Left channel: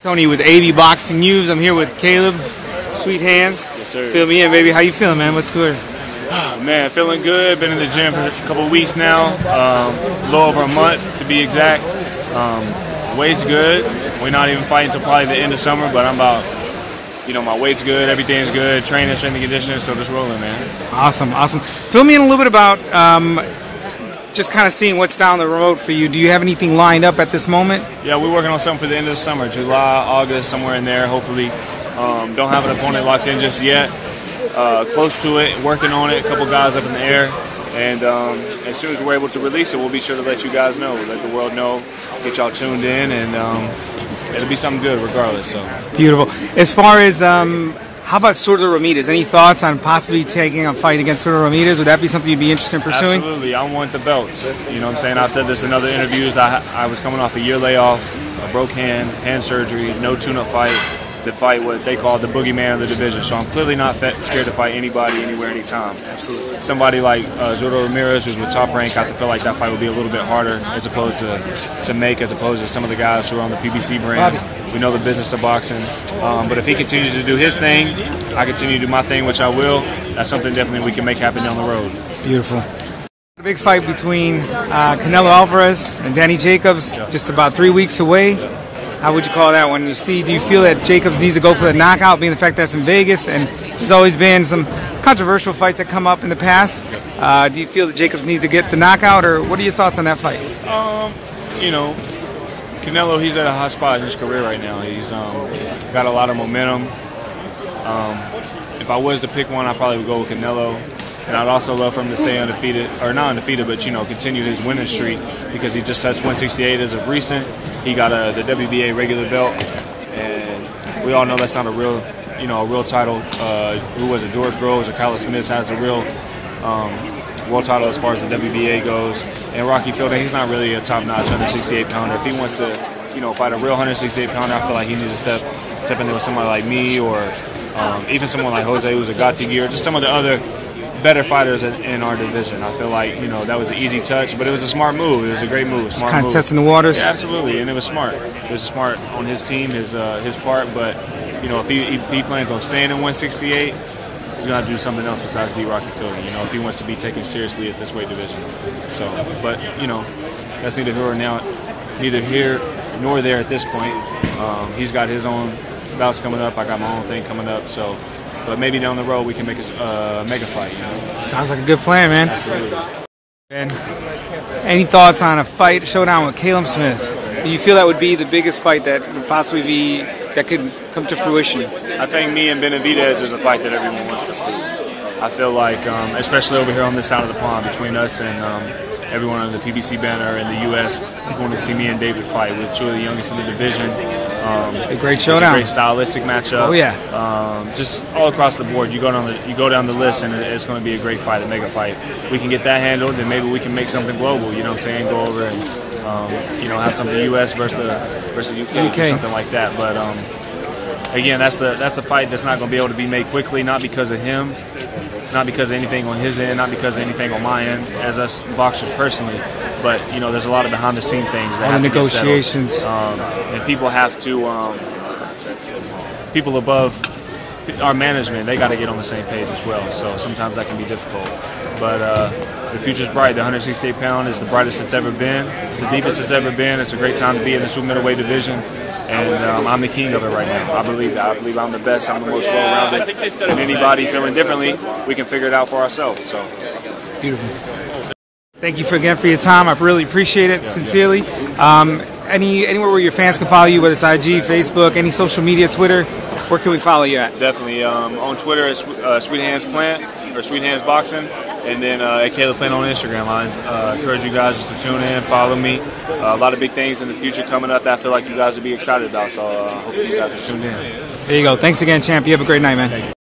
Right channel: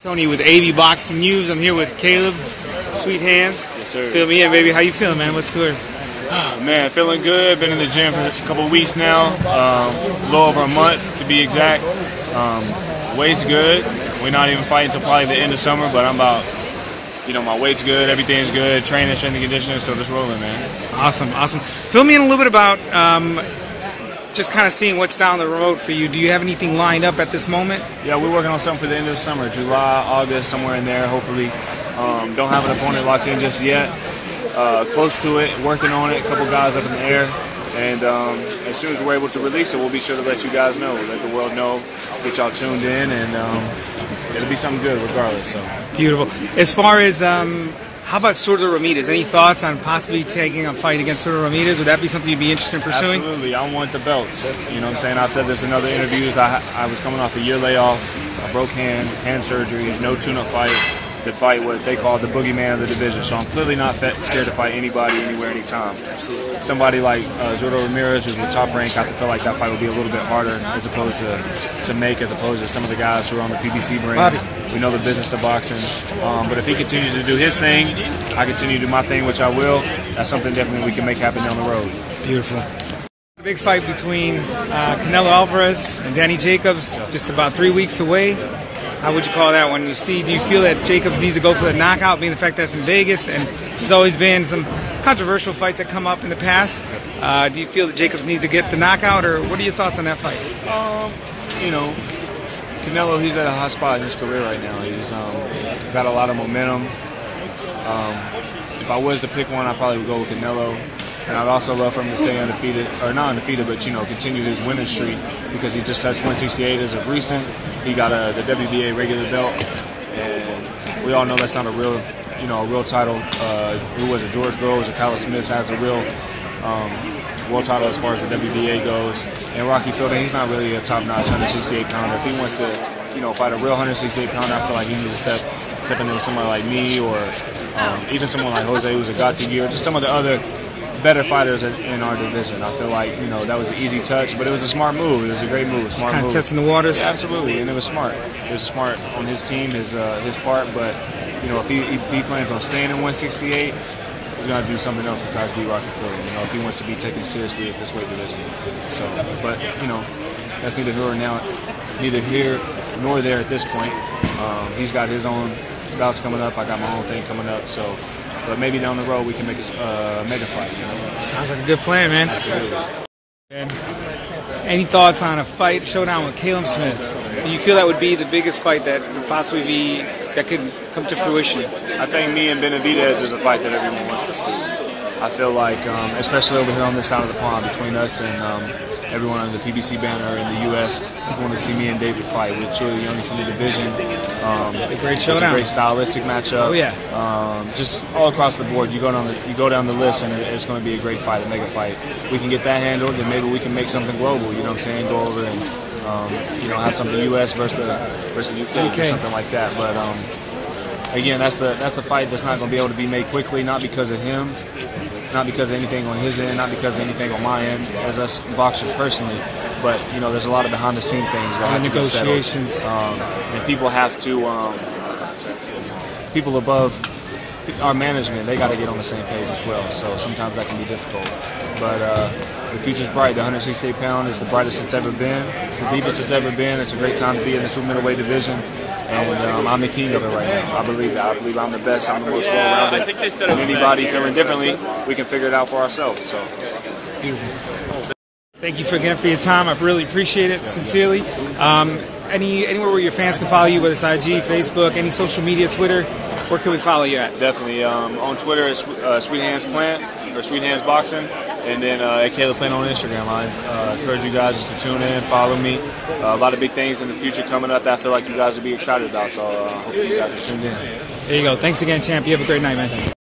Tony with AV Boxing News. I'm here with Caleb, Sweet Hands. Yes, sir. Fill me in, baby. How you feeling, man? What's good? Man, feeling good. Been in the gym for a couple of weeks now. A little over a month to be exact. Weight's good. We're not even fighting until probably the end of summer, but I'm about, my weight's good. Everything's good. Training, strength and conditioning, so just rolling, man. Awesome, awesome. Fill me in a little bit about just kind of seeing what's down the road for you. Do you have anything lined up at this moment? Yeah, we're working on something for the end of the summer, July, August, somewhere in there, hopefully. Don't have an opponent locked in just yet. Close to it, working on it, a couple guys up in the air. And as soon as we're able to release it, we'll be sure to let you guys know, let the world know, get y'all tuned in, and it'll be something good regardless. So beautiful. As far as how about Surdo Ramirez? Any thoughts on possibly taking a fight against Surdo Ramirez? Would that be something you'd be interested in pursuing? Absolutely. I want the belts. You know what I'm saying? I've said this in other interviews. I was coming off a year layoff, a broke hand surgery, no tune-up fight, to fight what they call the boogeyman of the division. So I'm clearly not scared to fight anybody, anywhere, anytime. Absolutely. Somebody like Surdo Ramirez, who's with Top Rank, I feel like that fight would be a little bit harder as opposed to make, as opposed to some of the guys who are on the PBC brand. We know the business of boxing. But if he continues to do his thing, I continue to do my thing, which I will. That's something definitely we can make happen down the road. Beautiful. A big fight between Canelo Alvarez and Danny Jacobs, just about 3 weeks away. How would you call that one? Do you feel that Jacobs needs to go for the knockout, being the fact that's in Vegas, and there's always been some controversial fights that come up in the past? Do you feel that Jacobs needs to get the knockout, or what are your thoughts on that fight? Canelo, he's at a hot spot in his career right now. He's got a lot of momentum. If I was to pick one, I probably would go with Canelo. And I'd also love for him to stay undefeated, or not undefeated, but continue his winning streak, because he just touched 168 as of recent. He got the WBA regular belt, and we all know that's not a real, a real title. Who was it? George Groves or Kyle Smith has the real world title as far as the WBA goes. And Rocky Fielding, he's not really a top-notch 168-pounder. If he wants to, fight a real 168-pounder, I feel like he needs to step in there with somebody like me, or even someone like Jose Uzagati, or just some of the other better fighters in our division. I feel like that was an easy touch, but it was a smart move. It was a great move, smart move. Kind of testing the waters. Yeah, absolutely, and it was smart. It was smart on his team, his part. But if he plans on staying in 168, he's gonna have to do something else besides beat Rocky Fielding. If he wants to be taken seriously at this weight division. So, but that's neither here nor there at this point. He's got his own bouts coming up. I got my own thing coming up. So. But maybe down the road we can make a mega fight, Sounds like a good plan, man. Absolutely. And any thoughts on a fight showdown with Caleb Smith? Do you feel that would be the biggest fight that could possibly be, that could come to fruition? I think me and Benavidez is a fight that everyone wants to see. I feel like, especially over here on this side of the pond, between us and everyone under the PBC banner in the U.S., people want to see me and David fight. We're two of the youngest in the division. A great showdown. It's a great stylistic matchup. Oh yeah. Just all across the board, you go down the list, and it's going to be a great fight, a mega fight. We can get that handled, then maybe we can make something global. You know what I'm saying? Go over and have something U.S. versus the UK. Something like that. But again, that's the fight that's not going to be able to be made quickly, not because of him. Not because of anything on his end, not because of anything on my end, as us boxers personally, but there's a lot of behind-the-scene things that have to get settled, and people have to, people above our management, they got to get on the same page as well. So sometimes that can be difficult, but the future's bright. The 168-pound is the brightest it's ever been, the deepest it's ever been. It's a great time to be in the super middleweight division. And I'm the king of it right now. I believe that. I believe I'm the best. I'm the most well-rounded. And anybody feeling differently, we can figure it out for ourselves. So, beautiful. Thank you again for your time. I really appreciate it, sincerely. Anywhere where your fans can follow you, whether it's IG, Facebook, any social media, Twitter, where can we follow you at? Definitely. On Twitter, it's Sweet Hands Plant or Sweet Hands Boxing. And then at Caleb Plant on Instagram. I encourage you guys just to tune in, follow me. A lot of big things in the future coming up that I feel like you guys will be excited about. So I hope you guys are tuned in. There you go. Thanks again, champ. You have a great night, man.